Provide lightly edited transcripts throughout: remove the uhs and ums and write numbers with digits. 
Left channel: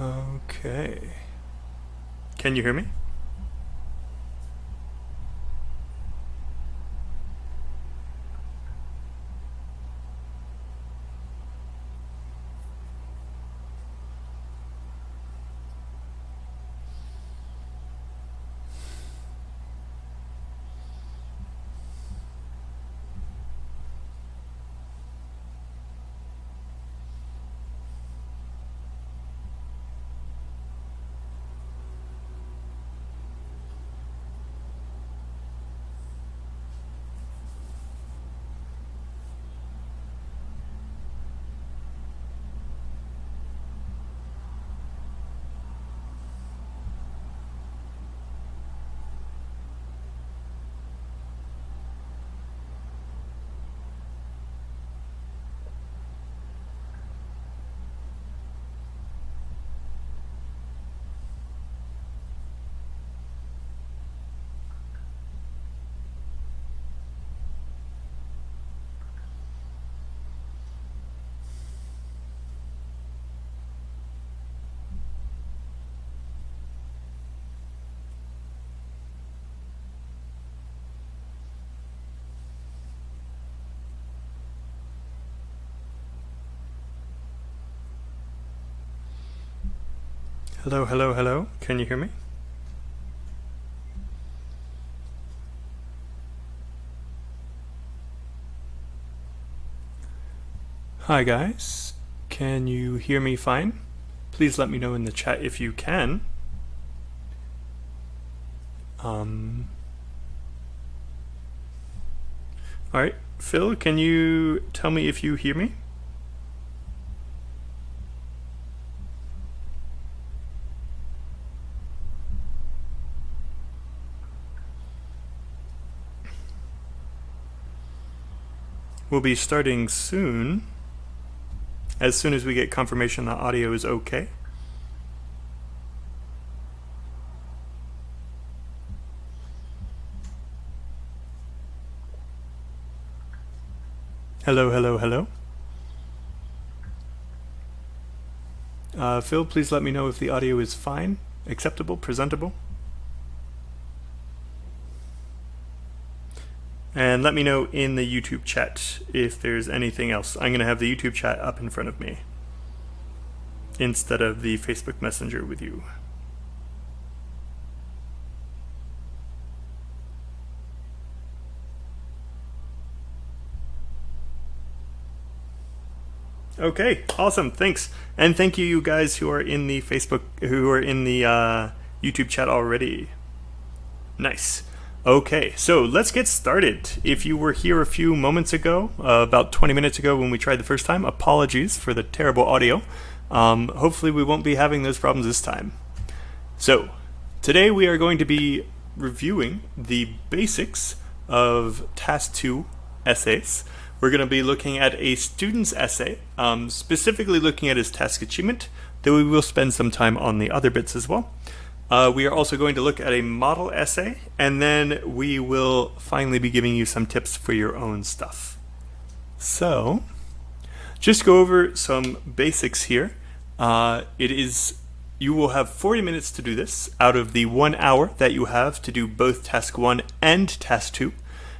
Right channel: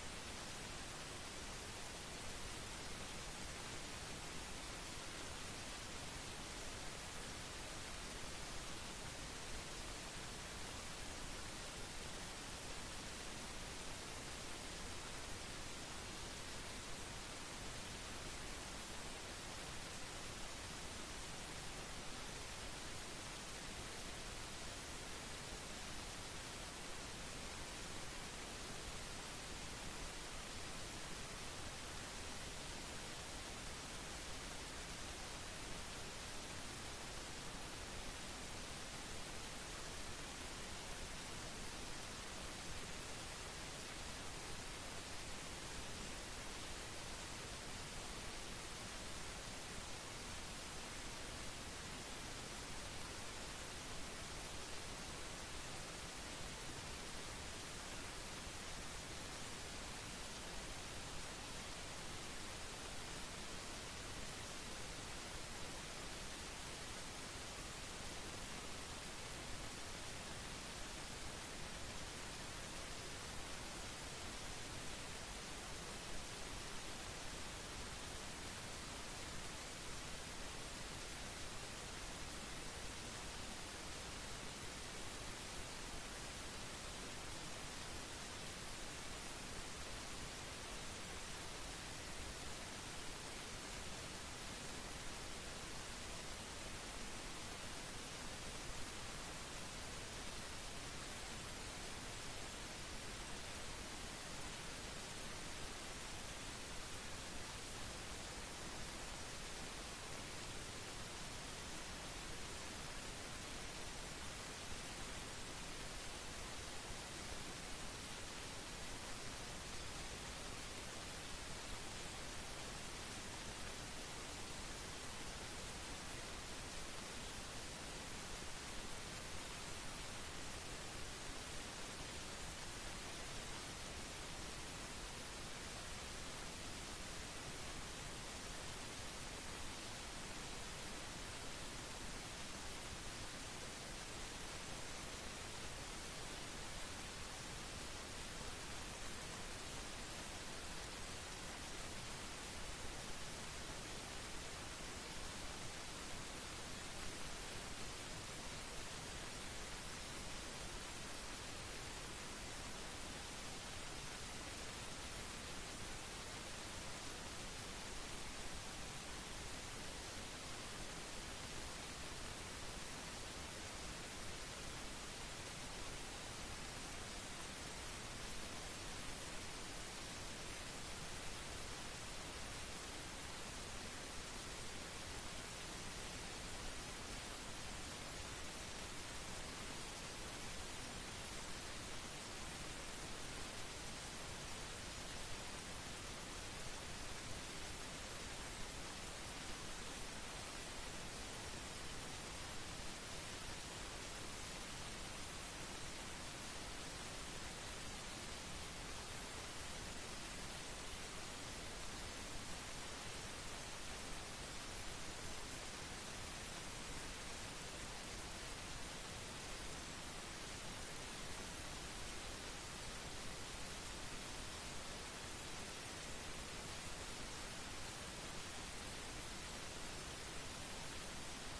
Okay. Can you hear me? Hello, hello, hello. Can you hear me? Hi guys. Can you hear me fine? Please let me know in the chat if you can. Alright, Phil, can you tell me if you hear me? We'll be starting soon, as soon as we get confirmation that audio is okay. Hello, hello, hello. Phil, please let me know if the audio is fine, acceptable, presentable. And let me know in the YouTube chat if there's anything else. I'm going to have the YouTube chat up in front of me instead of the Facebook Messenger with you. Okay, awesome, thanks. And thank you guys who are in the YouTube chat already. Nice. Okay, so let's get started. If you were here a few moments ago, about 20 minutes ago when we tried the first time, apologies for the terrible audio. Hopefully we won't be having those problems this time. So, today we are going to be reviewing the basics of Task 2 essays. We're going to be looking at a student's essay, specifically looking at his task achievement, though we will spend some time on the other bits as well. We are also going to look at a model essay, and then we will finally be giving you some tips for your own stuff. So, just go over some basics here. You will have 40 minutes to do this out of the 1 hour that you have to do both Task 1 and Task 2.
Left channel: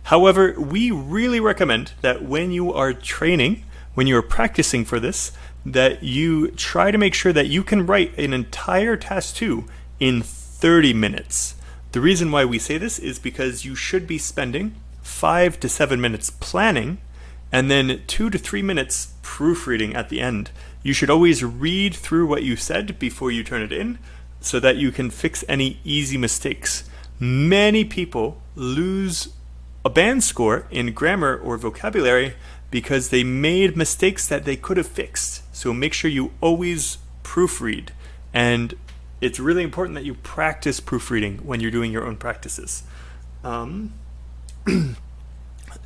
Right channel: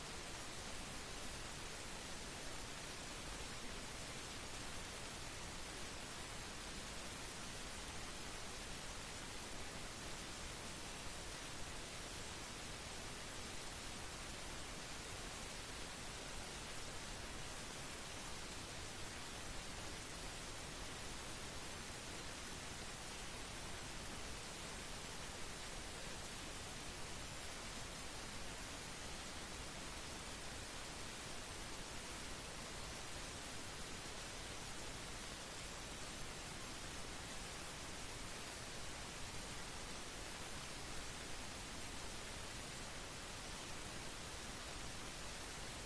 However, we really recommend that when you are training, when you are practicing for this, that you try to make sure that you can write an entire Task 2 in 30 minutes. The reason why we say this is because you should be spending 5 to 7 minutes planning and then 2 to 3 minutes proofreading at the end. You should always read through what you said before you turn it in so that you can fix any easy mistakes. Many people lose a band score in grammar or vocabulary because they made mistakes that they could have fixed. So make sure you always proofread, and it's really important that you practice proofreading when you're doing your own practices.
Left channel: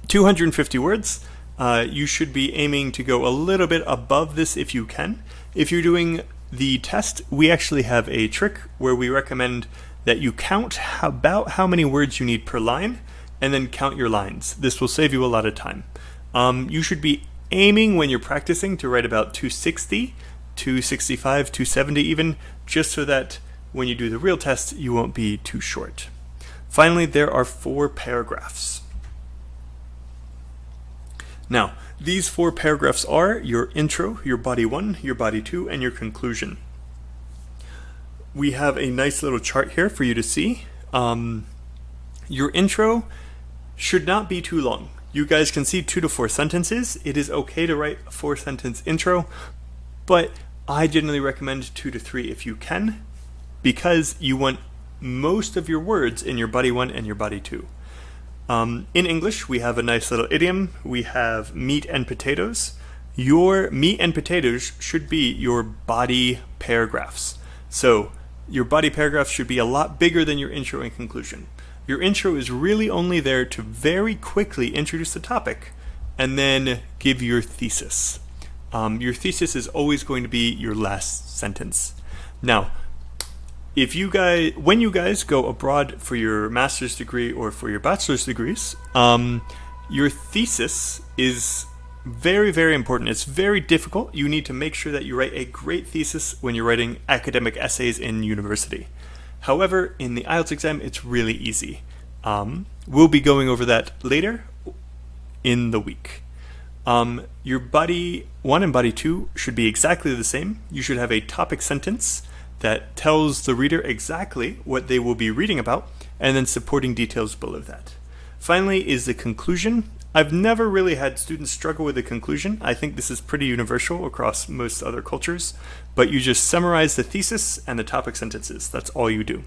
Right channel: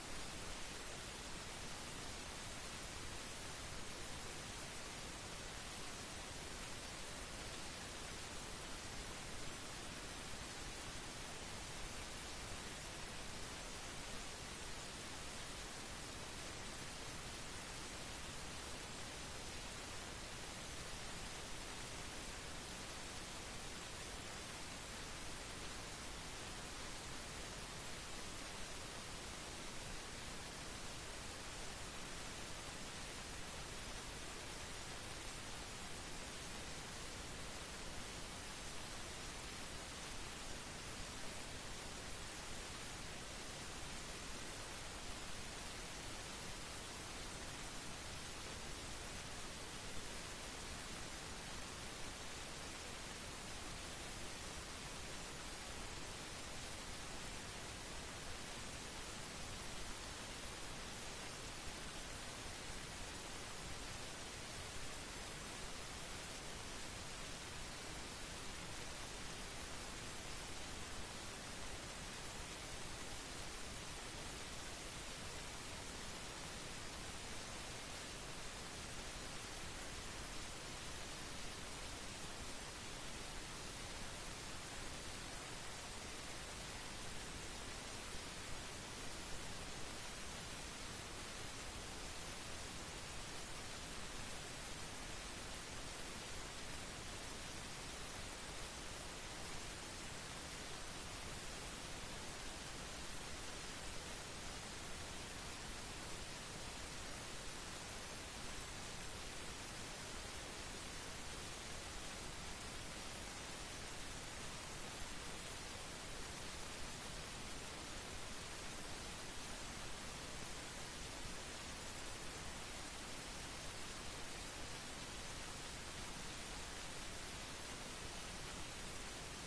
250 words. You should be aiming to go a little bit above this if you can. If you're doing the test, we actually have a trick where we recommend that you count about how many words you need per line and then count your lines. This will save you a lot of time. You should be aiming when you're practicing to write about 260, 265, 270 even, just so that when you do the real test, you won't be too short. Finally, there are 4 paragraphs. Now, these 4 paragraphs are your intro, your body 1, your body 2, and your conclusion. We have a nice little chart here for you to see. Your intro should not be too long. You guys can see 2 to 4 sentences. It is okay to write a 4-sentence intro, but I generally recommend 2 to 3 if you can, because you want most of your words in your body 1 and your body 2. In English, we have a nice little idiom. We have meat and potatoes. Your meat and potatoes should be your body paragraphs. So your body paragraphs should be a lot bigger than your intro and conclusion. Your intro is really only there to very quickly introduce the topic and then give your thesis. Your thesis is always going to be your last sentence. Now, when you guys go abroad for your master's degree or for your bachelor's degrees, your thesis is very, very important. It's very difficult. You need to make sure that you write a great thesis when you're writing academic essays in university. However, in the IELTS exam, it's really easy. We'll be going over that later in the week. Your body 1 and body 2 should be exactly the same. You should have a topic sentence that tells the reader exactly what they will be reading about, and then supporting details below that. Finally is the conclusion. I've never really had students struggle with the conclusion. I think this is pretty universal across most other cultures, but you just summarize the thesis and the topic sentences. That's all you do.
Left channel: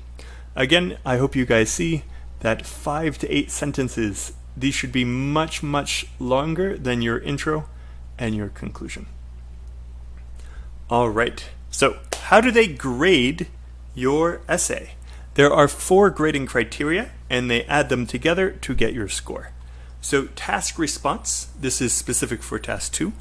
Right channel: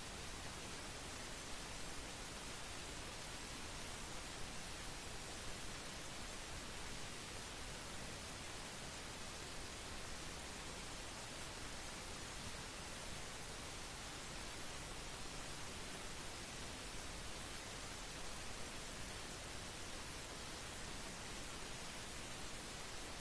Again, I hope you guys see that 5 to 8 sentences, these should be much, much longer than your intro and your conclusion. All right. So, how do they grade your essay? There are 4 grading criteria, and they add them together to get your score. So, task response, this is specific for task 2.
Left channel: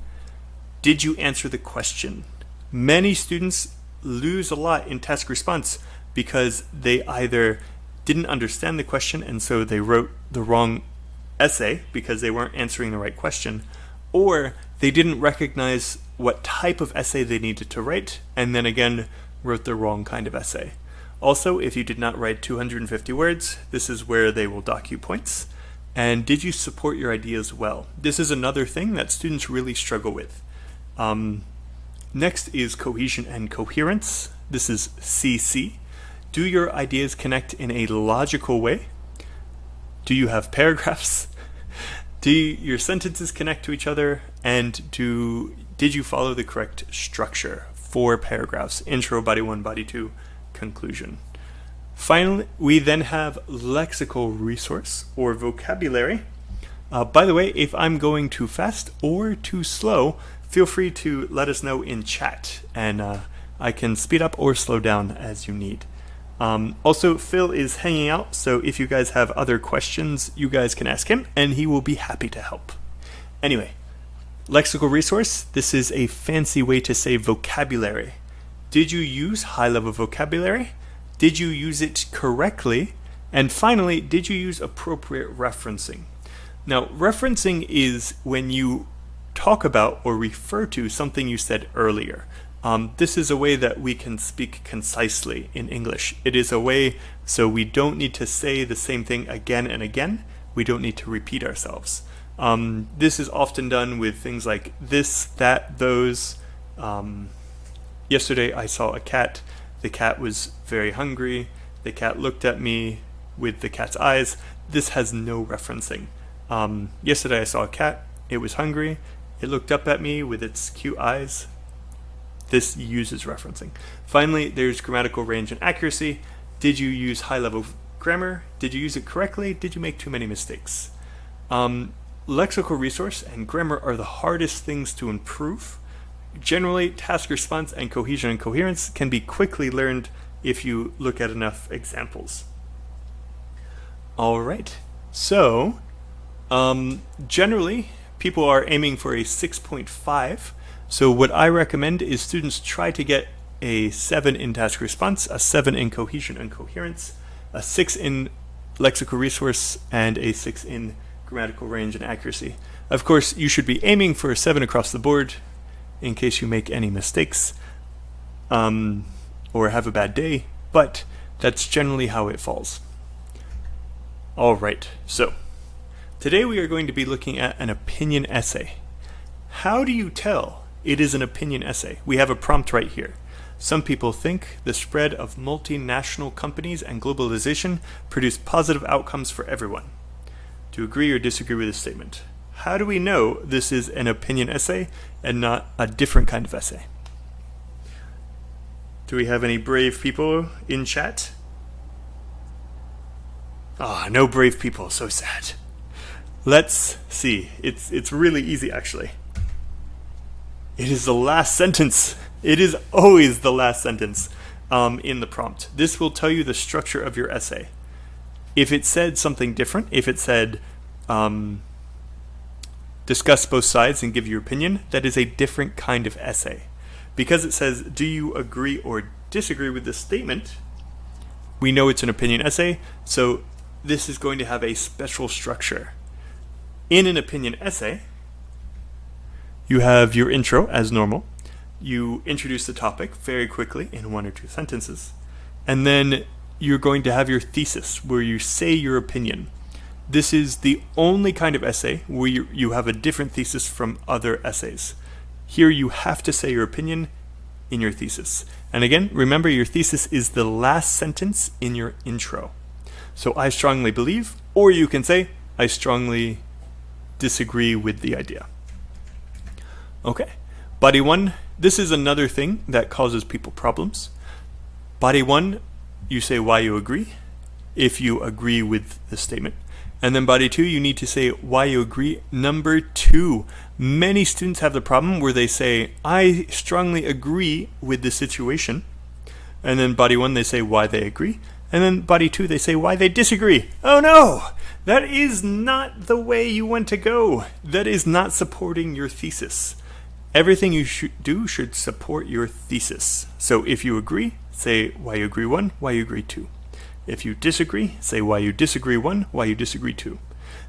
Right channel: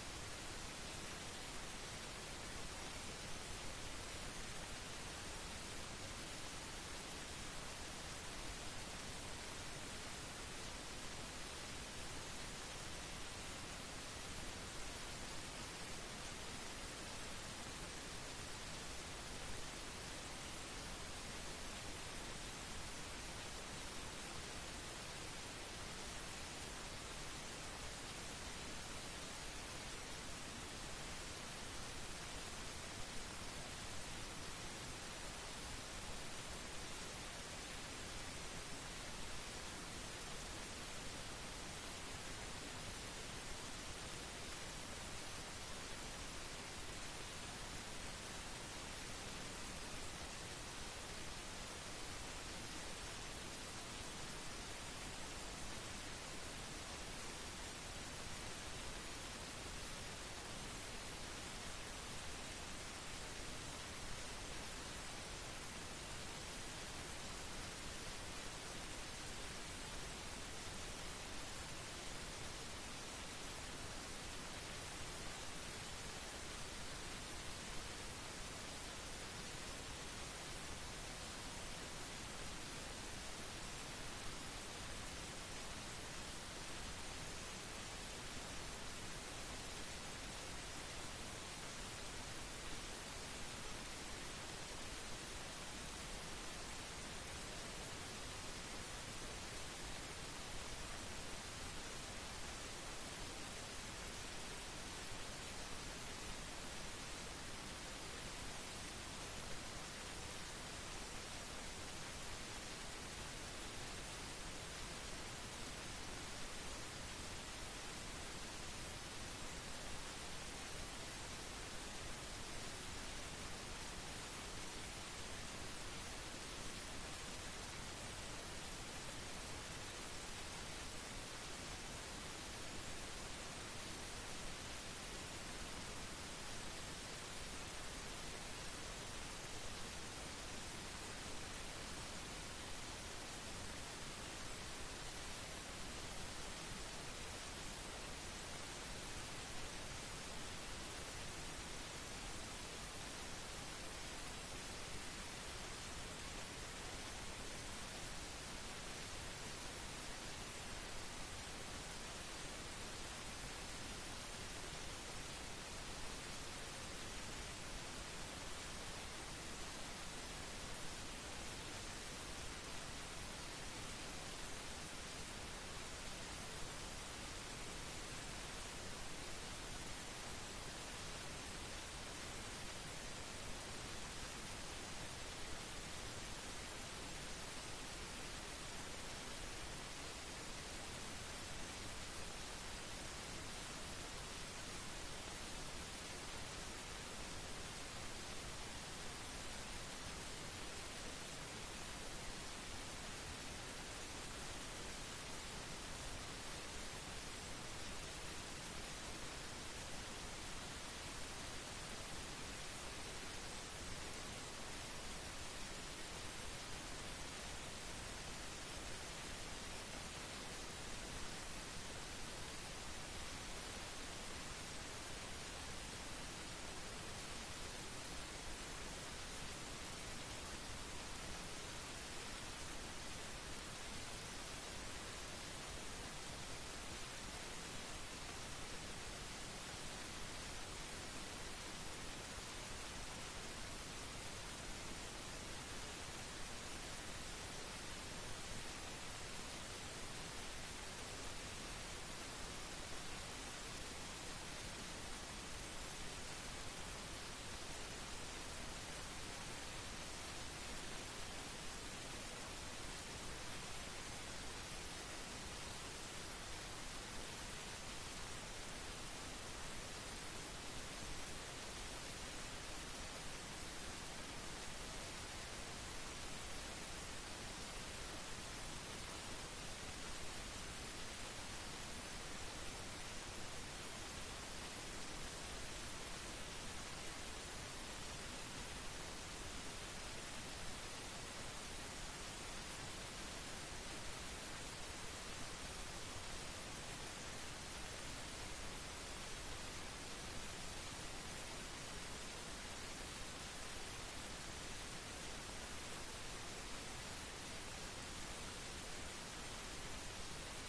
Did you answer the question? Many students lose a lot in task response because they either didn't understand the question and so they wrote the wrong essay because they weren't answering the right question, or they didn't recognize what type of essay they needed to write, and then again wrote the wrong kind of essay. Also, if you did not write 250 words, this is where they will dock you points. And did you support your ideas well? This is another thing that students really struggle with. Next is cohesion and coherence. This is CC. Do your ideas connect in a logical way? Do you have paragraphs? Do your sentences connect to each other? And did you follow the correct structure? 4 paragraphs, intro, body 1, body 2, conclusion. Finally, we then have lexical resource or vocabulary. By the way, if I'm going too fast or too slow, feel free to let us know in chat, and I can speed up or slow down as you need. Also, Phil is hanging out, so if you guys have other questions, you guys can ask him, and he will be happy to help. Anyway, lexical resource, this is a fancy way to say vocabulary. Did you use high-level vocabulary? Did you use it correctly? And finally, did you use appropriate referencing? Now, referencing is when you talk about or refer to something you said earlier. This is a way that we can speak concisely in English. It is a way so we don't need to say the same thing again and again. We don't need to repeat ourselves. This is often done with things like this, that, those. Yesterday I saw a cat. The cat was very hungry. The cat looked at me with the cat's eyes. This has no referencing. Yesterday I saw a cat. It was hungry. It looked up at me with its cute eyes. This uses referencing. Finally, there's grammatical range and accuracy. Did you use high-level grammar? Did you use it correctly? Did you make too many mistakes? Lexical resource and grammar are the hardest things to improve. Generally, task response and cohesion and coherence can be quickly learned if you look at enough examples. All right, so generally, people are aiming for a 6.5. So what I recommend is students try to get a 7 in task response, a 7 in cohesion and coherence, a 6 in lexical resource, and a 6 in grammatical range and accuracy. Of course, you should be aiming for a 7 across the board in case you make any mistakes. or have a bad day, but that's generally how it falls. All right, so today we are going to be looking at an opinion essay. How do you tell it is an opinion essay? We have a prompt right here. Some people think the spread of multinational companies and globalization produce positive outcomes for everyone. Do you agree or disagree with this statement? How do we know this is an opinion essay and not a different kind of essay? Do we have any brave people in chat? Ah, no brave people, so sad. Let's see. It's really easy actually. It is the last sentence. It is always the last sentence in the prompt. This will tell you the structure of your essay. If it said something different, if it said discuss both sides and give your opinion, that is a different kind of essay. Because it says, do you agree or disagree with this statement, we know it's an opinion essay, so this is going to have a special structure. In an opinion essay, you have your intro as normal. You introduce the topic very quickly in 1 or 2 sentences, and then you're going to have your thesis where you say your opinion. This is the only kind of essay where you have a different thesis from other essays. Here you have to say your opinion in your thesis. And again, remember your thesis is the last sentence in your intro. So I strongly believe, or you can say, I strongly disagree with the idea. Okay, body 1, this is another thing that causes people problems. Body 1, you say why you agree, if you agree with the statement. And then body 2, you need to say why you agree. Number 2, many students have the problem where they say, I strongly agree with the situation. And then body 1, they say why they agree. And then body 2, they say why they disagree. Oh no, that is not the way you want to go. That is not supporting your thesis. Everything you do should support your thesis. So if you agree, say why you agree 1, why you agree 2. If you disagree, say why you disagree 1, why you disagree 2.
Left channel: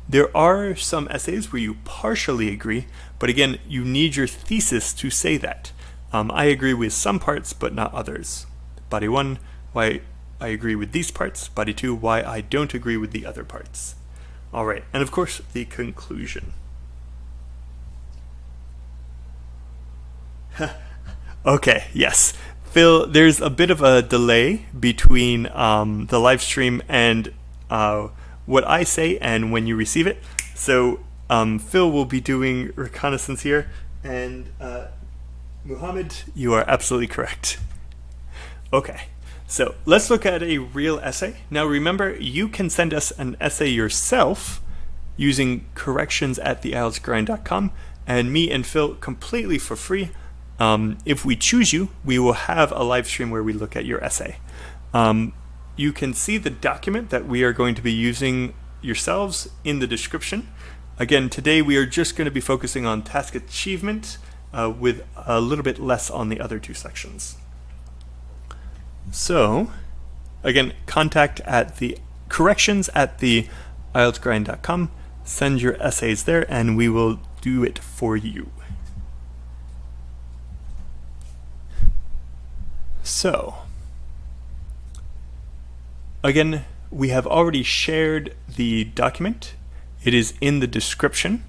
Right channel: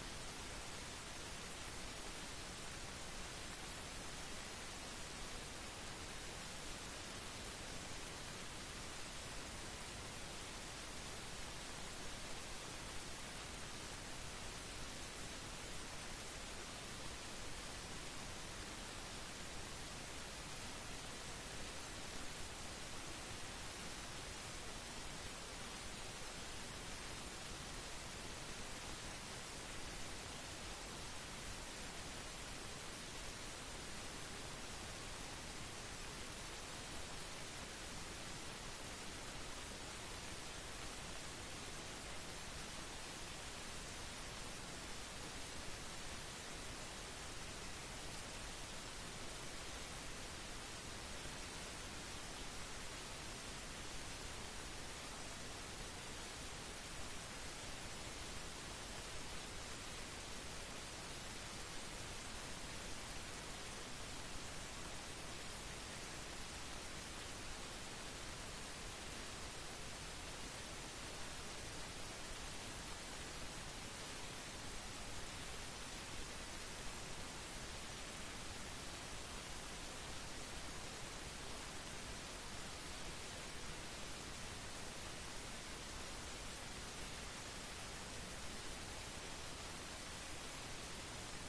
There are some essays where you partially agree, but again, you need your thesis to say that. I agree with some parts, but not others. Body 1, why I agree with these parts. Body 2, why I don't agree with the other parts. All right, and of course, the conclusion. Okay, yes. Phil, there's a bit of a delay between the live stream and what I say and when you receive it. So Phil will be doing reconnaissance here, and Muhammad, you are absolutely correct. Okay, so let's look at a real essay. Now remember, you can send us an essay yourself using corrections@IELTSGrind.com, and me and Phil completely for free. If we choose you, we will have a live stream where we look at your essay. You can see the document that we are going to be using yourselves in the description. Again, today we are just going to be focusing on task achievement with a little bit less on the other 2 sections. So, again, contact at the corrections@IELTSGrind.com. Send your essays there and we will do it for you. So, again, we have already shared the document. It is in the description,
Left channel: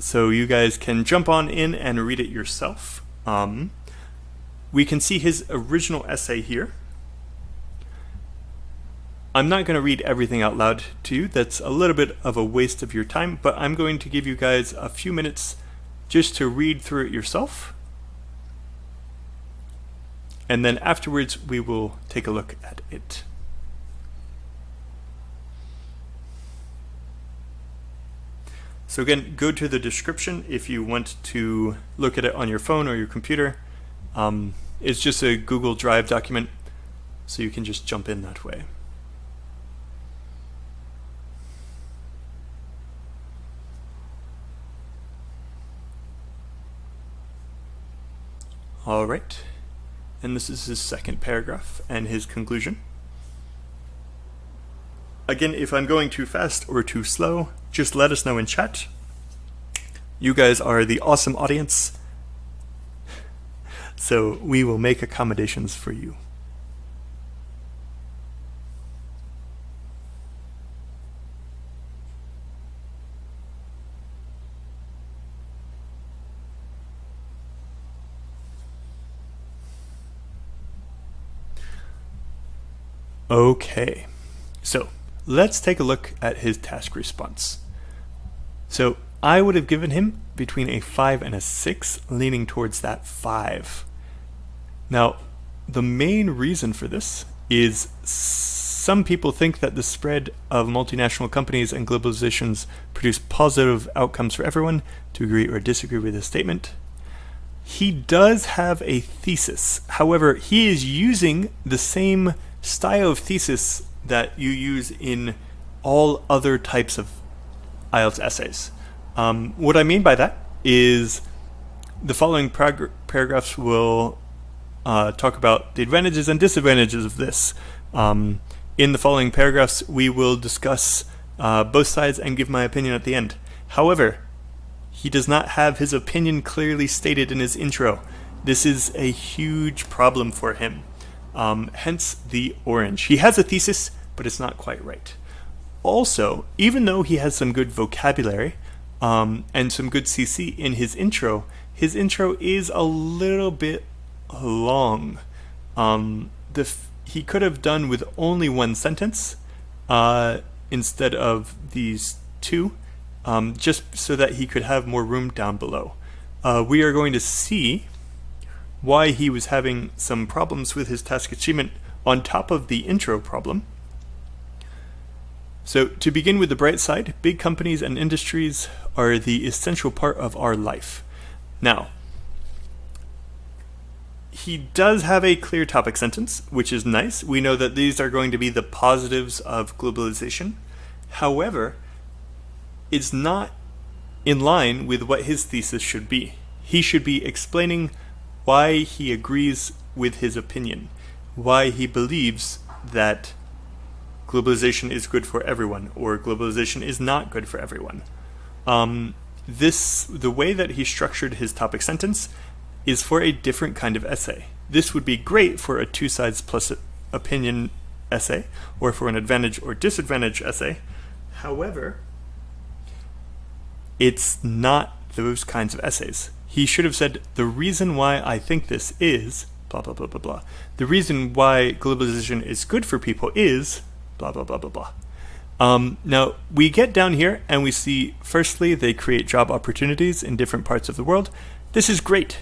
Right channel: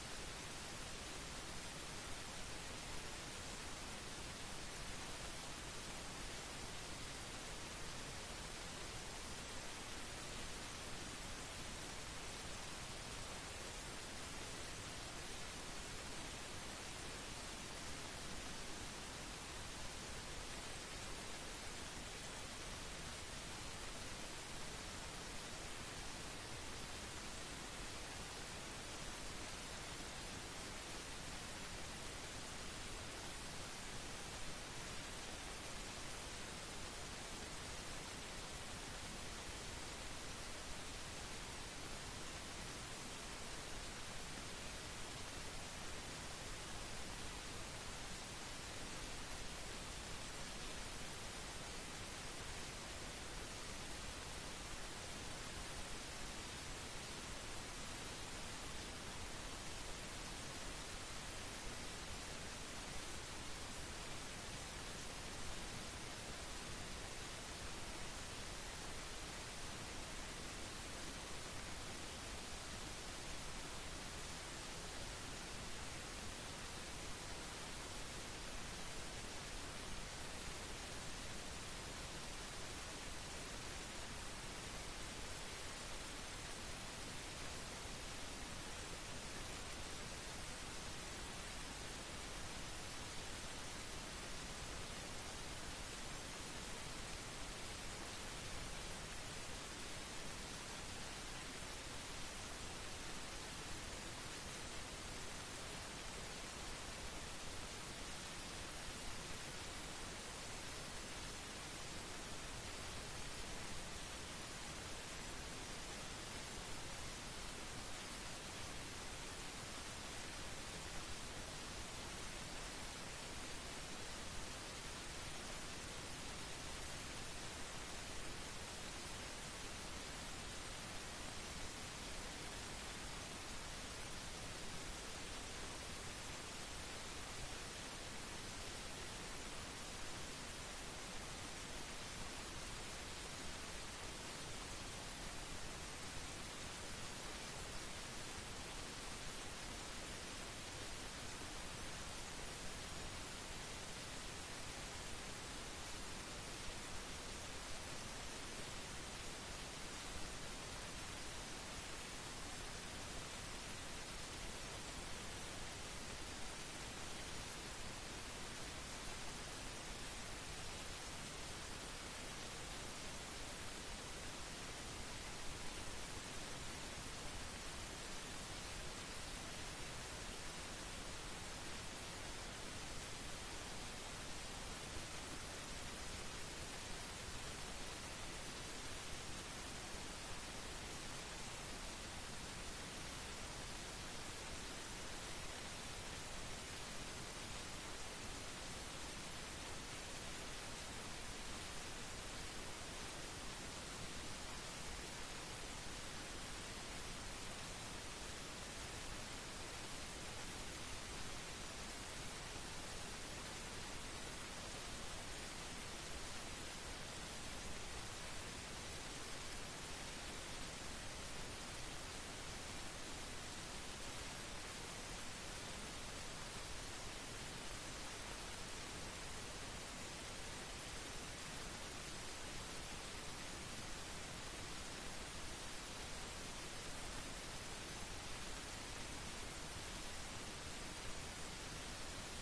so you guys can jump on in and read it yourself. We can see his original essay here. I'm not going to read everything out loud to you. That's a little bit of a waste of your time, but I'm going to give you guys a few minutes just to read through it yourself. And then afterwards, we will take a look at it. So again, go to the description if you want to look at it on your phone or your computer. It's just a Google Drive document, so you can just jump in that way. All right. And this is his second paragraph and his conclusion. Again, if I'm going too fast or too slow, just let us know in chat. You guys are the awesome audience. So we will make accommodations for you. Okay, so let's take a look at his task response. So I would have given him between a 5 and a 6, leaning towards that 5. Now, the main reason for this is some people think that the spread of multinational companies and globalizations produce positive outcomes for everyone. To agree or disagree with this statement. He does have a thesis. However, he is using the same style of thesis that you use in all other types of IELTS essays. What I mean by that is the following paragraphs will talk about the advantages and disadvantages of this. In the following paragraphs, we will discuss both sides and give my opinion at the end. However, he does not have his opinion clearly stated in his intro. This is a huge problem for him. Hence the orange. He has a thesis, but it's not quite right. Also, even though he has some good vocabulary and some good CC in his intro is a little bit long. He could have done with only one sentence instead of these two, just so that he could have more room down below. We are going to see why he was having some problems with his task achievement on top of the intro problem. So to begin with the bright side, big companies and industries are the essential part of our life. Now, he does have a clear topic sentence, which is nice. We know that these are going to be the positives of globalization. However, it's not in line with what his thesis should be. He should be explaining why he agrees with his opinion, why he believes that globalization is good for everyone or globalization is not good for everyone. The way that he structured his topic sentence is for a different kind of essay. This would be great for a 2 sides plus opinion essay or for an advantage or disadvantage essay. However, it's not those kinds of essays. He should have said, the reason why I think this is blah, blah, blah, blah, blah. The reason why globalization is good for people is blah, blah, blah, blah, blah. Now, we get down here and we see, firstly, they create job opportunities in different parts of the world. This is great.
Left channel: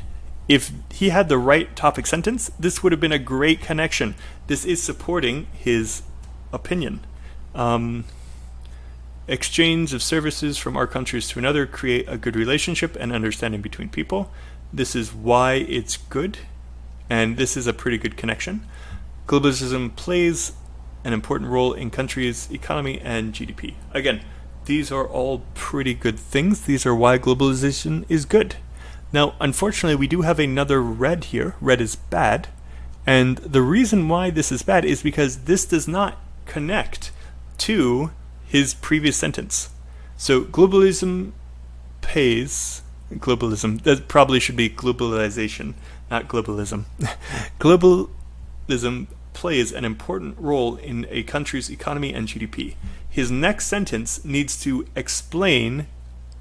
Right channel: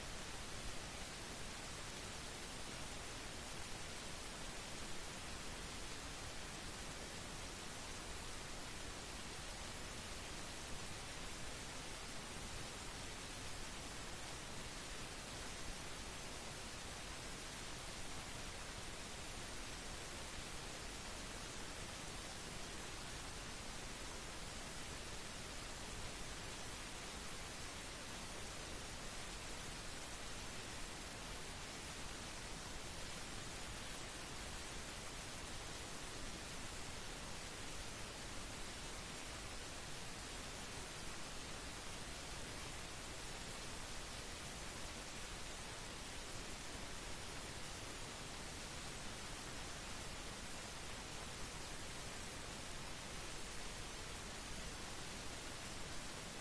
If he had the right topic sentence, this would have been a great connection. This is supporting his opinion. Exchange of services from our countries to another create a good relationship and understanding between people. This is why it's good, and this is a pretty good connection. Globalism plays an important role in countries' economy and GDP. Again, these are all pretty good things. These are why globalization is good. Now, unfortunately, we do have another red here. Red is bad. And the reason why this is bad is because this does not connect to his previous sentence. So globalism pays, that probably should be globalization, not globalism. Globalism plays an important role in a country's economy and GDP. His next sentence needs to explain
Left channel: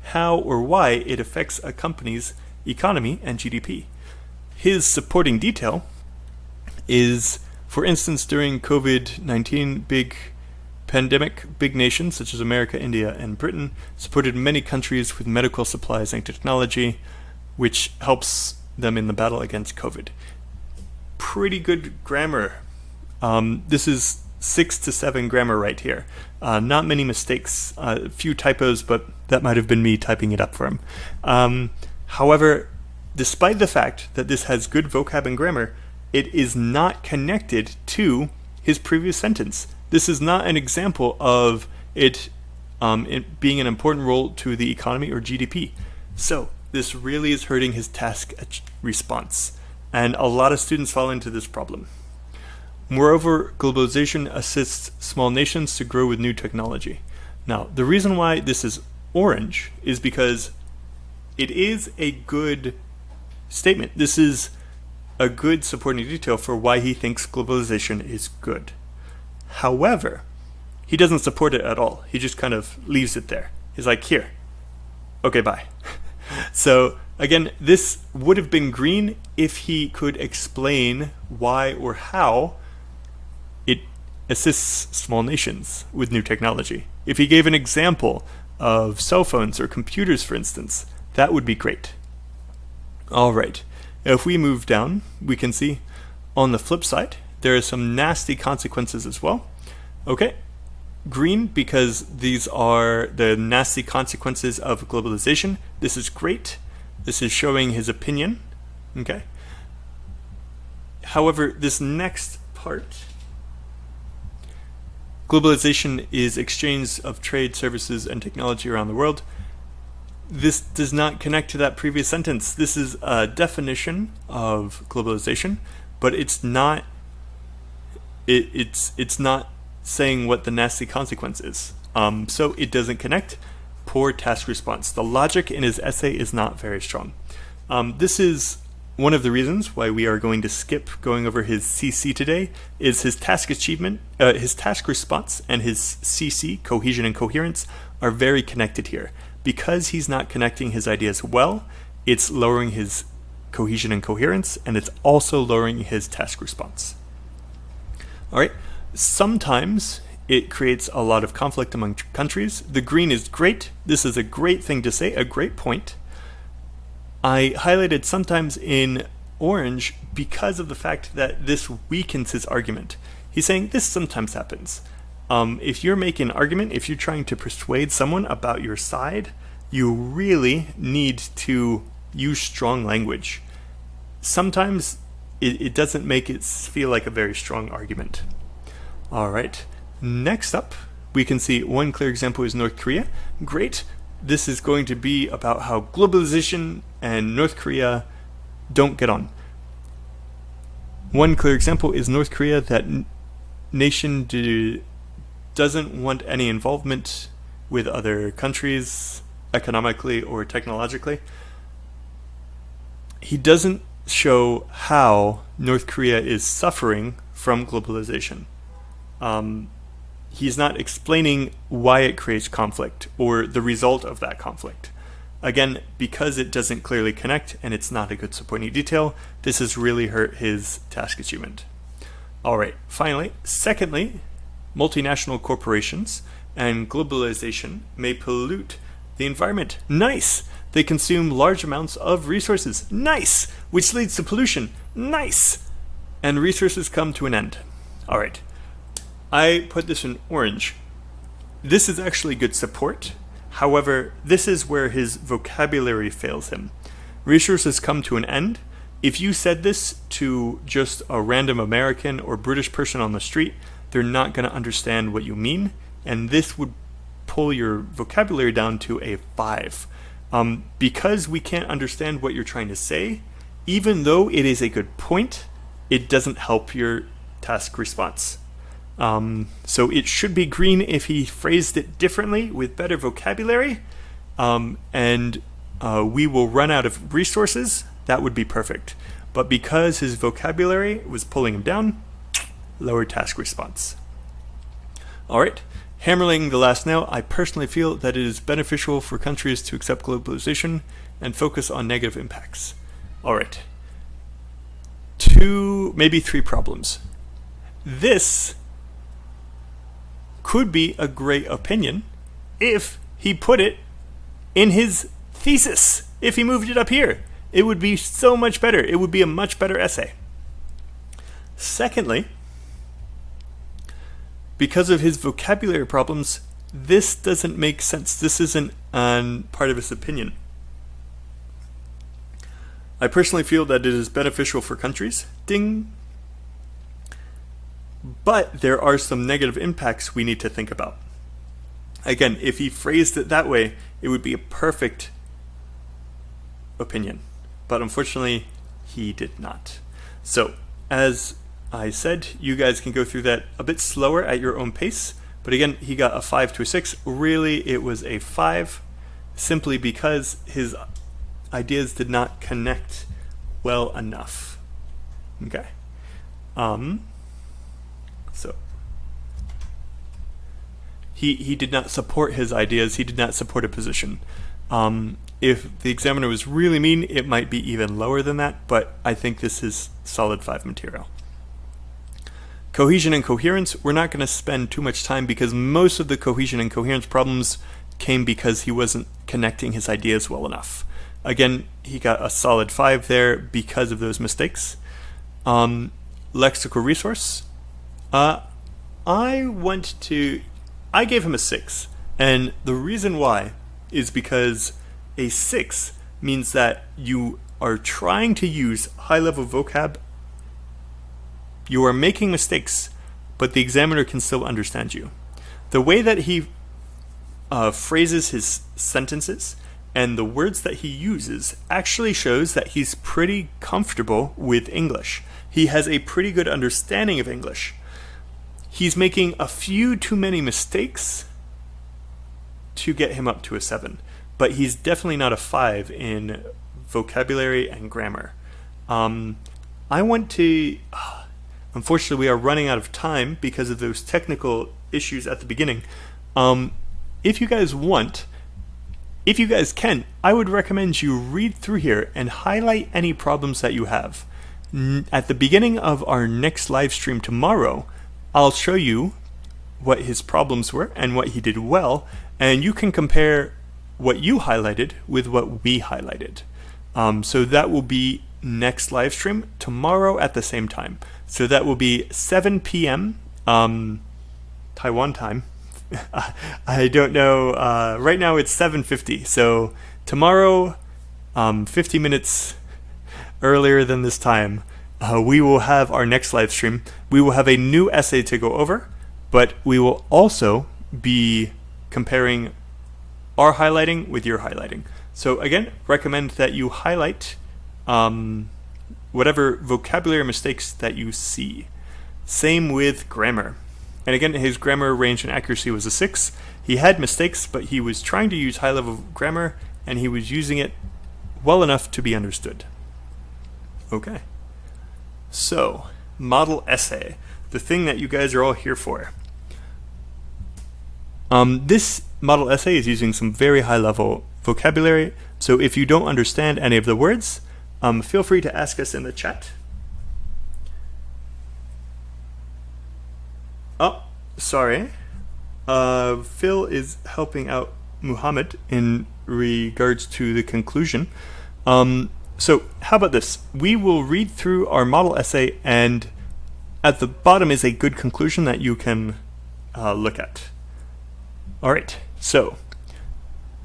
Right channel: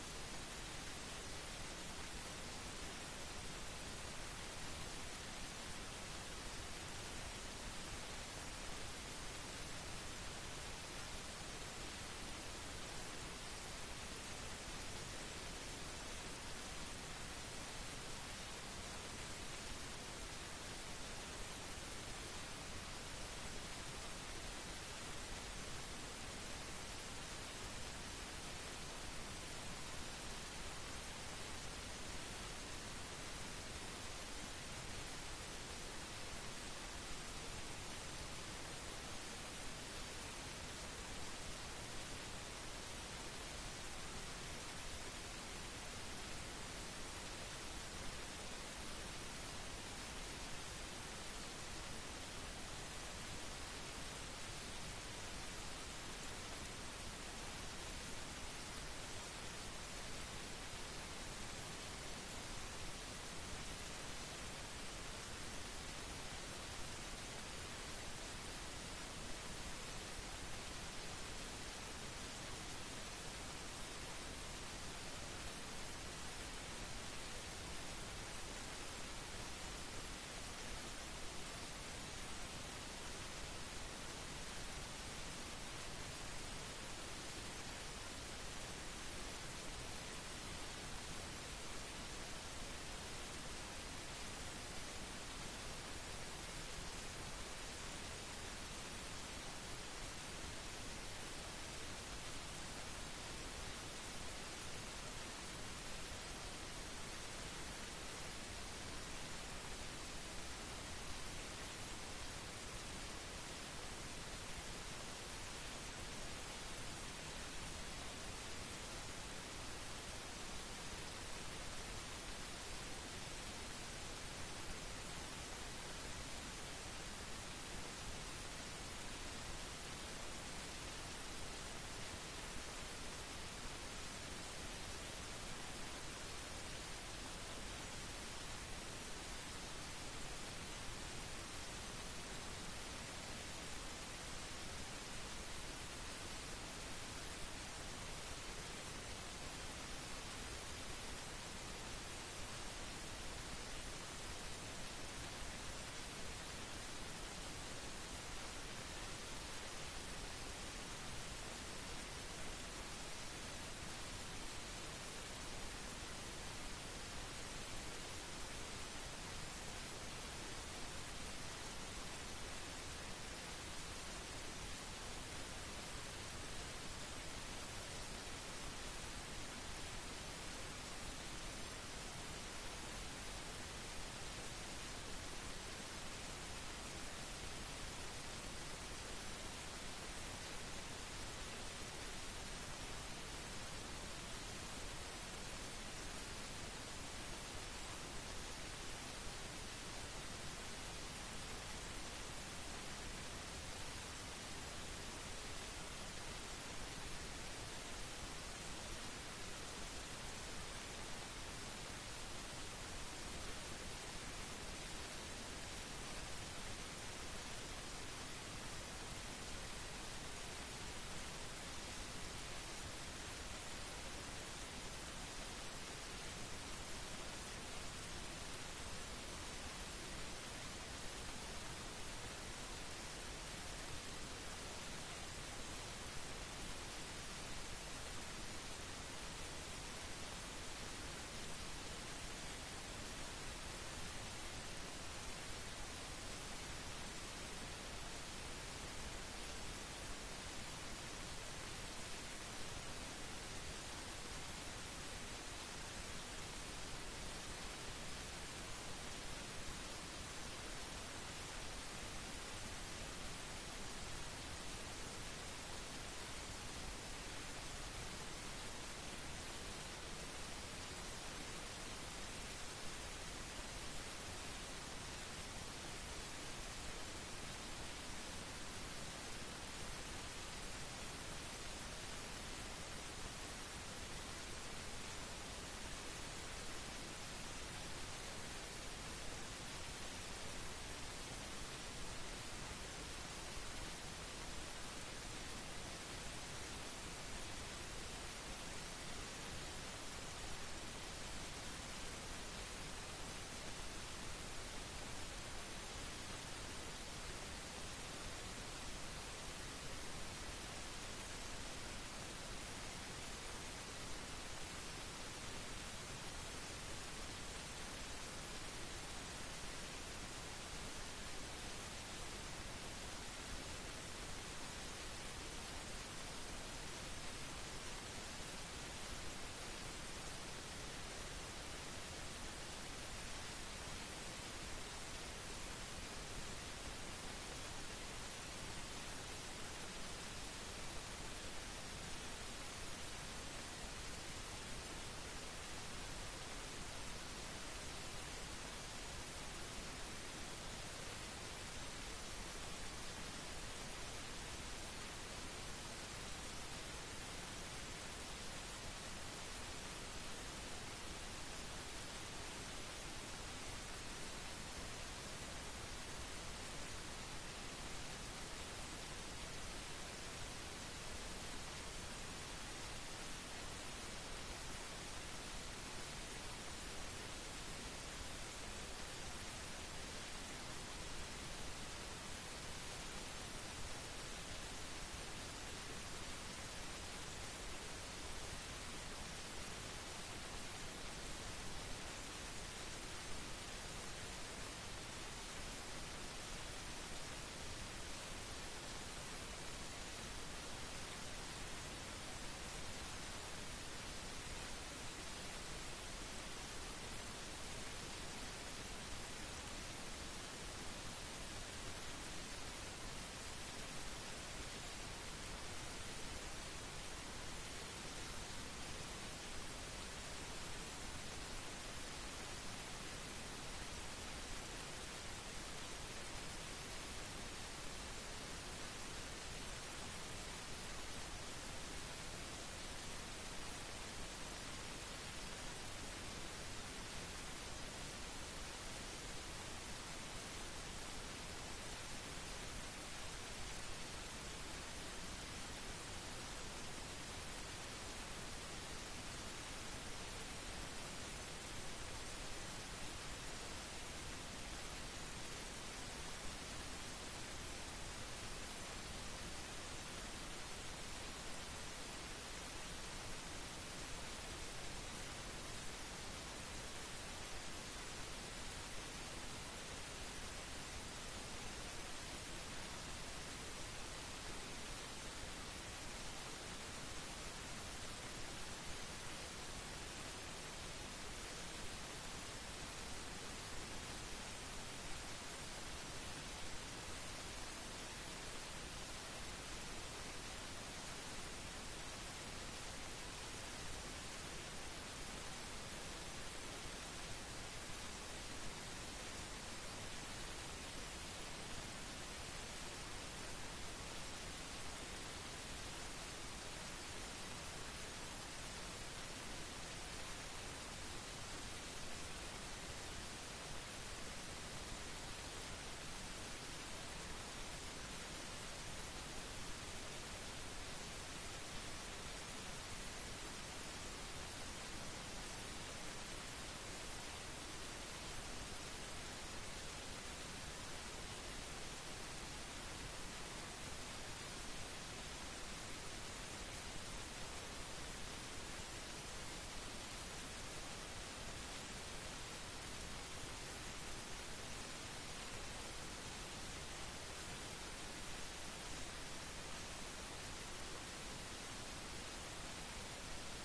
how or why it affects a company's economy and GDP. His supporting detail is, for instance, during COVID-19 big pandemic, big nations such as America, India, and Britain supported many countries with medical supplies and technology, which helps them in the battle against COVID. Pretty good grammar. This is 6 to 7 grammar right here. Not many mistakes, a few typos, but that might have been me typing it up for him. However, despite the fact that this has good vocab and grammar, it is not connected to his previous sentence. This is not an example of it being an important role to the economy or GDP. So this really is hurting his task response. And a lot of students fall into this problem. Moreover, globalization assists small nations to grow with new technology. Now, the reason why this is orange is because it is a good statement. This is a good supporting detail for why he thinks globalization is good. However, he doesn't support it at all. He just kind of leaves it there. He's like, here, okay, bye. So again, this would have been green if he could explain why or how it assists small nations with new technology. If he gave an example of cell phones or computers, for instance, that would be great. All right, now if we move down, we can see on the flip side, there are some nasty consequences as well. Okay, green because these are the nasty consequences of globalization. This is great. This is showing his opinion. Okay. However, this next part, globalization is exchange of trade, services, and technology around the world. This does not connect to that previous sentence. This is a definition of globalization, but it's not. It's not saying what the nasty consequence is. So it doesn't connect. Poor task response. The logic in his essay is not very strong. This is one of the reasons why we are going to skip going over his CC today, is his task achievement, his task response and his CC, cohesion and coherence, are very connected here. Because he's not connecting his ideas well, it's lowering his cohesion and coherence, and it's also lowering his task response. All right. Sometimes it creates a lot of conflict among countries. The green is great. This is a great thing to say, a great point. I highlighted sometimes in orange because of the fact that this weakens his argument. He's saying this sometimes happens. If you're making an argument, if you're trying to persuade someone about your side, you really need to use strong language. Sometimes it doesn't make it feel like a very strong argument. All right, next up, we can see one clear example is North Korea. Great. This is going to be about how globalization and North Korea don't get on. One clear example is North Korea, that nation doesn't want any involvement with other countries economically or technologically. He doesn't show how North Korea is suffering from globalization. He's not explaining why it creates conflict or the result of that conflict. Again, because it doesn't clearly connect and it's not a good supporting detail, this has really hurt his task achievement. All right, finally, secondly, multinational corporations and globalization may pollute the environment. Nice! They consume large amounts of resources. Nice! Which leads to pollution. Nice! And resources come to an end. All right. I put this in orange. This is actually good support. However, this is where his vocabulary fails him. Resources come to an end. If you said this to just a random American or British person on the street, they're not going to understand what you mean, and this would pull your vocabulary down to a 5. Because we can't understand what you're trying to say, even though it is a good point, it doesn't help your task response. So it should be green if he phrased it differently with better vocabulary, and we will run out of resources. That would be perfect. But because his vocabulary was pulling him down, lower task response. All right, hammering the last nail, I personally feel that it is beneficial for countries to accept globalization and focus on negative impacts. All right, 2, maybe 3 problems. This could be a great opinion if he put it in his thesis. If he moved it up here, it would be so much better. It would be a much better essay. Secondly, because of his vocabulary problems, this doesn't make sense. This isn't part of his opinion. I personally feel that it is beneficial for countries. Ding. But there are some negative impacts we need to think about. Again, if he phrased it that way, it would be a perfect opinion. But unfortunately, he did not. So, as I said, you guys can go through that a bit slower at your own pace. But again, he got a 5 to a 6. Really, it was a 5, simply because his ideas did not connect well enough. Okay. So he did not support his ideas. He did not support a position. If the examiner was really mean, it might be even lower than that, but I think this is solid 5 material. Cohesion and coherence, we're not going to spend too much time because most of the cohesion and coherence problems came because he wasn't connecting his ideas well enough. Again, he got a solid 5 there because of those mistakes. Lexical Resource, I gave him a 6, and the reason why is because a 6 means that you are trying to use high-level vocab. You are making mistakes, but the examiner can still understand you. The way that he phrases his sentences and the words that he uses actually shows that he's pretty comfortable with English. He has a pretty good understanding of English. He's making a few too many mistakes to get him up to a 7, but he's definitely not a 5 in vocabulary and grammar. Unfortunately, we are running out of time because of those technical issues at the beginning. If you guys can, I would recommend you read through here and highlight any problems that you have. At the beginning of our next live stream tomorrow, I'll show you what his problems were and what he did well, and you can compare what you highlighted with what we highlighted. So that will be next live stream tomorrow at the same time. So that will be 7 p.m. Taiwan time. I don't know. Right now it's 7:50. So tomorrow, 50 minutes earlier than this time, we will have our next live stream. We will have a new essay to go over, but we will also be comparing our highlighting with your highlighting. So again, recommend that you highlight whatever vocabulary mistakes that you see. Same with grammar. And again, his grammar range and accuracy was a 6. He had mistakes, but he was trying to use high-level grammar, and he was using it well enough to be understood. Okay. So, model essay, the thing that you guys are all here for. This model essay is using some very high-level vocabulary, so if you don't understand any of the words, feel free to ask us in the chat. Oh, sorry. Phil is helping out Muhammad in regards to the conclusion. So how about this? We will read through our model essay, and at the bottom is a good conclusion that you can look at. All right, so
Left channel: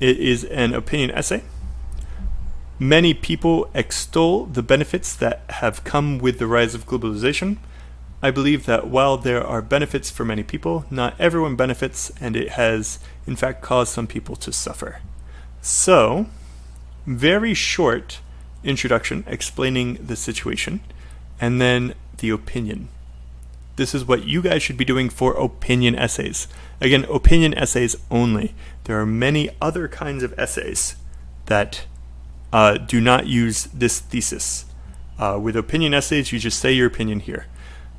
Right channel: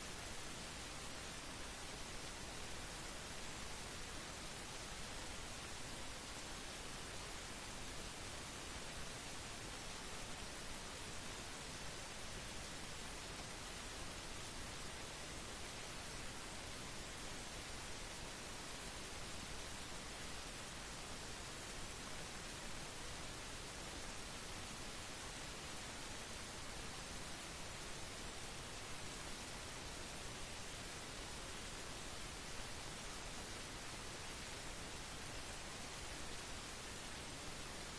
it is an opinion essay. Many people extol the benefits that have come with the rise of globalization. I believe that while there are benefits for many people, not everyone benefits, and it has, in fact, caused some people to suffer. So, very short introduction explaining the situation, and then the opinion. This is what you guys should be doing for opinion essays. Again, opinion essays only. There are many other kinds of essays that do not use this thesis. With opinion essays, you just say your opinion here.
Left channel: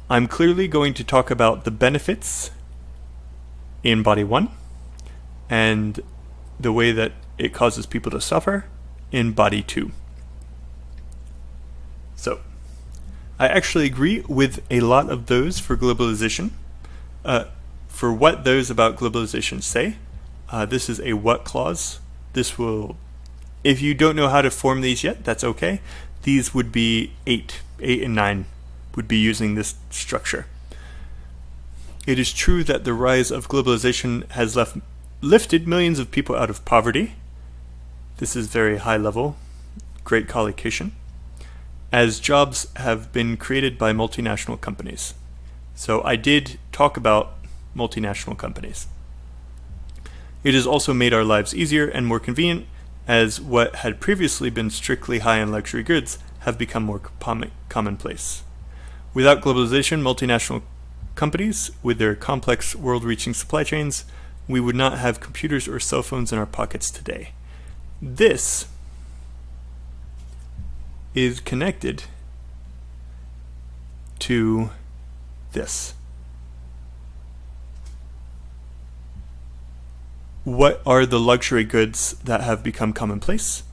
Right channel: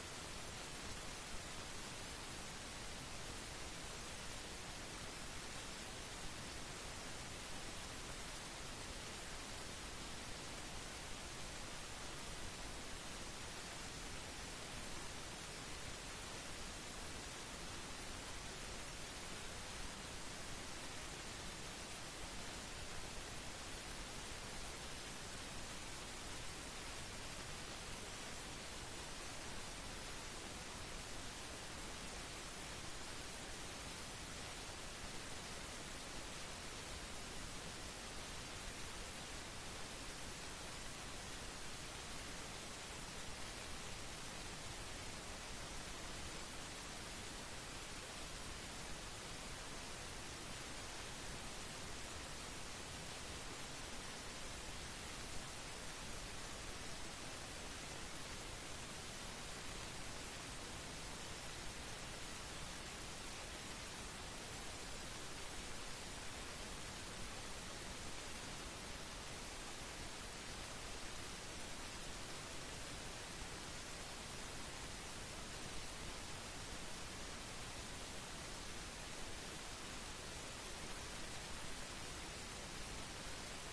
I'm clearly going to talk about the benefits in Body 1 and the way that it causes people to suffer in Body 2. So, I actually agree with a lot of those for globalization. For what those about globalization say, this is a what clause. This will, if you don't know how to form these yet, that's okay. These would be 8 and 9 would be using this structure. It is true that the rise of globalization has lifted millions of people out of poverty. This is very high level, great collocation, as jobs have been created by multinational companies. So I did talk about multinational companies. It has also made our lives easier and more convenient, as what had previously been strictly high-end luxury goods have become more commonplace. Without globalization, multinational companies, with their complex world-reaching supply chains, we would not have computers or cell phones in our pockets today. This is connected to this. What are the luxury goods that have become commonplace?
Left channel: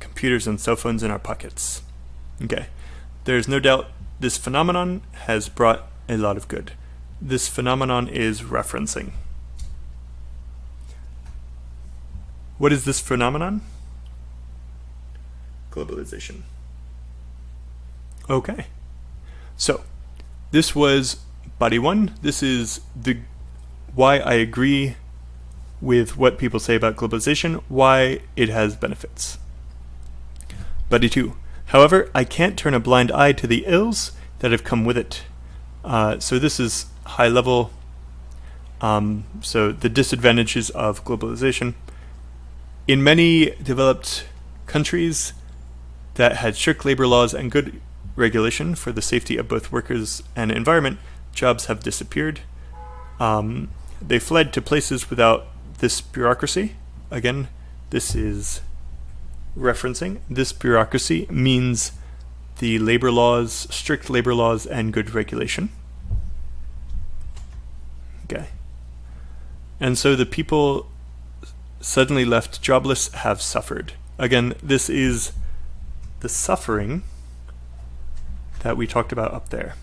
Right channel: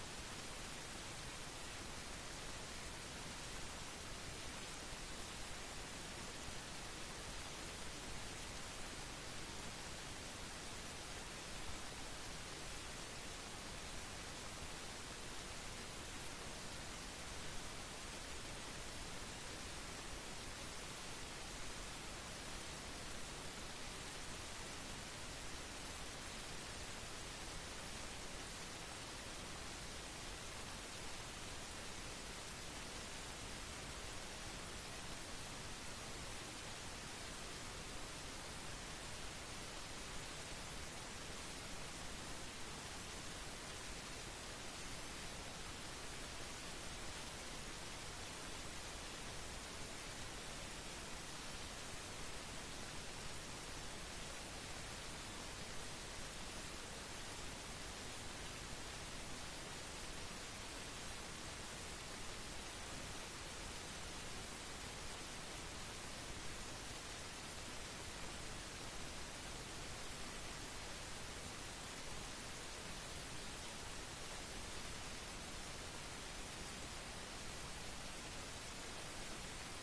Computers and cell phones in our pockets. Okay, there's no doubt this phenomenon has brought a lot of good. This phenomenon is referencing. What is this phenomenon? Globalization. Okay, so this was body one. This is the why I agree with what people say about globalization, why it has benefits. Body two. However, I can't turn a blind eye to the ills that have come with it. So this is high level. So the disadvantages of globalization. In many developed countries that had strict labor laws and good regulation for the safety of both workers and environment, jobs have disappeared. They fled to places without this bureaucracy. Again, this is referencing. This bureaucracy means the labor laws, strict labor laws, and good regulation. Okay. And so the people suddenly left jobless have suffered. Again, this is the suffering that we talked about up there.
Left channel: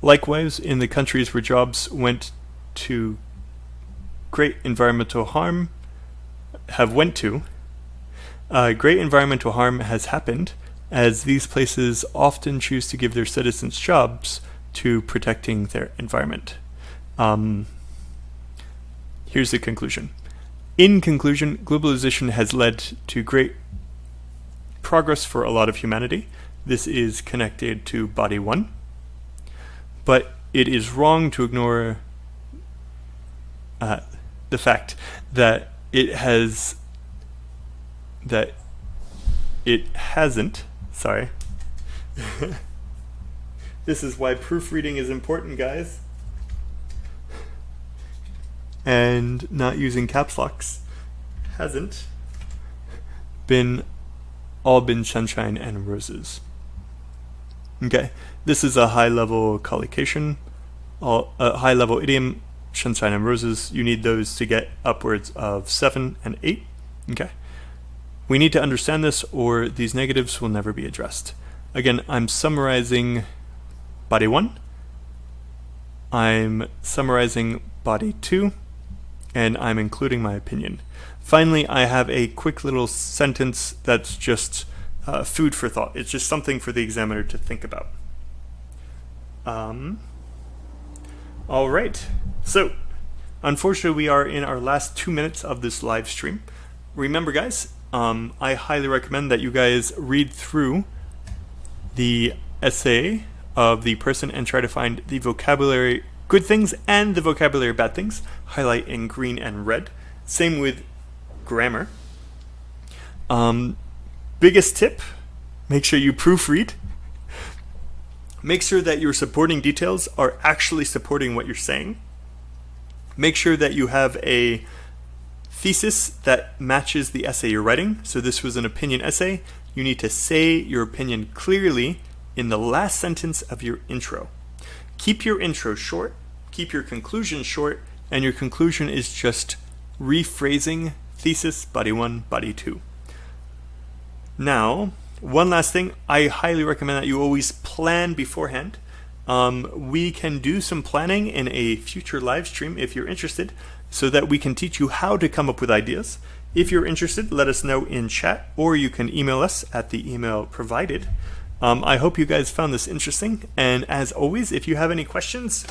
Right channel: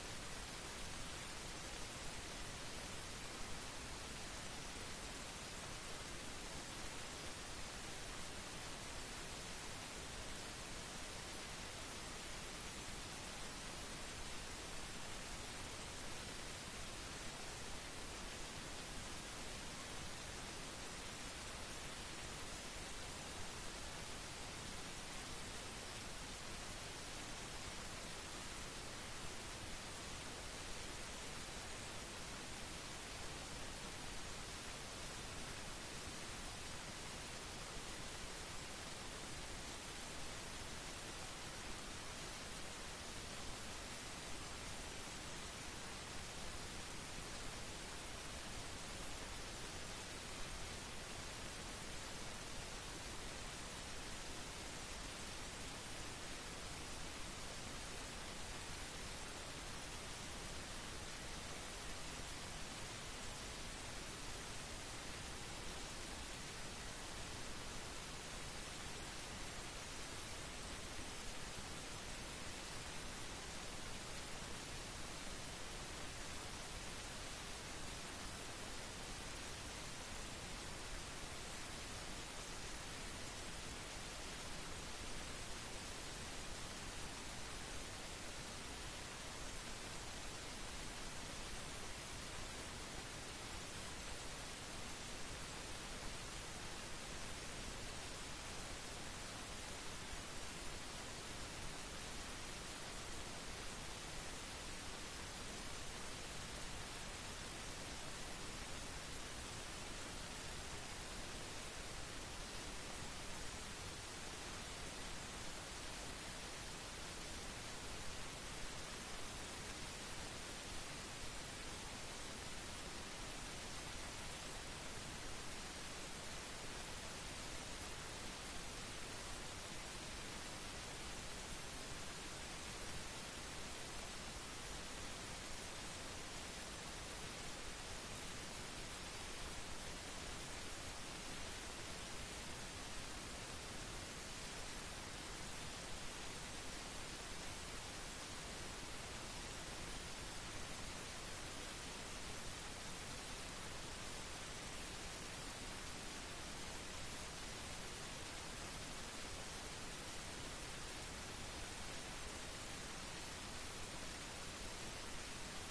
Likewise, in the countries where jobs went to great environmental harm, great environmental harm has happened, as these places often choose to give their citizens jobs to protecting their environment. Here's the conclusion. In conclusion, globalization has led to great progress for a lot of humanity. This is connected to body one, but it is wrong to ignore the fact that it hasn't, sorry. This is why proofreading is important, guys. And not using caps locks hasn't been sunshine and roses. Okay, this is a high-level collocation, a high-level idiom, sunshine and roses. You need those to get upwards of 7 and 8. Okay, we need to understand this, or these negatives will never be addressed. Again, I'm summarizing body 1. I'm summarizing body 2. And I'm including my opinion. Finally, I have a quick little sentence that's just food for thought. It's just something for the examiner to think about. All right. So, unfortunately, we are in our last 2 minutes of this live stream. Remember, guys, I highly recommend that you guys read through the essay of the person and try to find the vocabulary good things and the vocabulary bad things. Highlight in green and red. Same with grammar. Biggest tip, make sure you proofread. Make sure that your supporting details are actually supporting what you're saying. Make sure that you have a thesis that matches the essay you're writing. So this was an opinion essay. You need to say your opinion clearly in the last sentence of your intro. Keep your intro short, keep your conclusion short, and your conclusion is just rephrasing thesis, body 1, body 2. Now, one last thing, I highly recommend that you always plan beforehand. We can do some planning in a future live stream if you're interested, so that we can teach you how to come up with ideas. If you're interested, let us know in chat, or you can email us at the email provided. I hope you guys found this interesting, and as always, if you have any questions,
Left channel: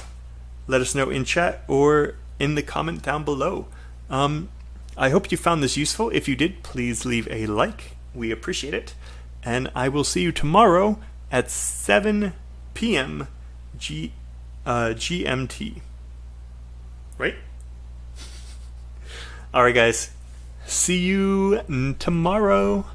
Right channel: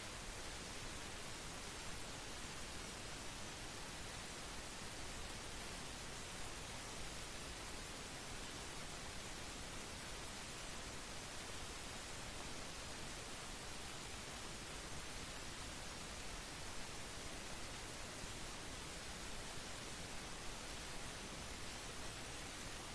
let us know in chat or in the comment down below. I hope you found this useful. If you did, please leave a like. We appreciate it. And I will see you tomorrow at 7 p.m. GMT. Right? All right, guys. See you tomorrow.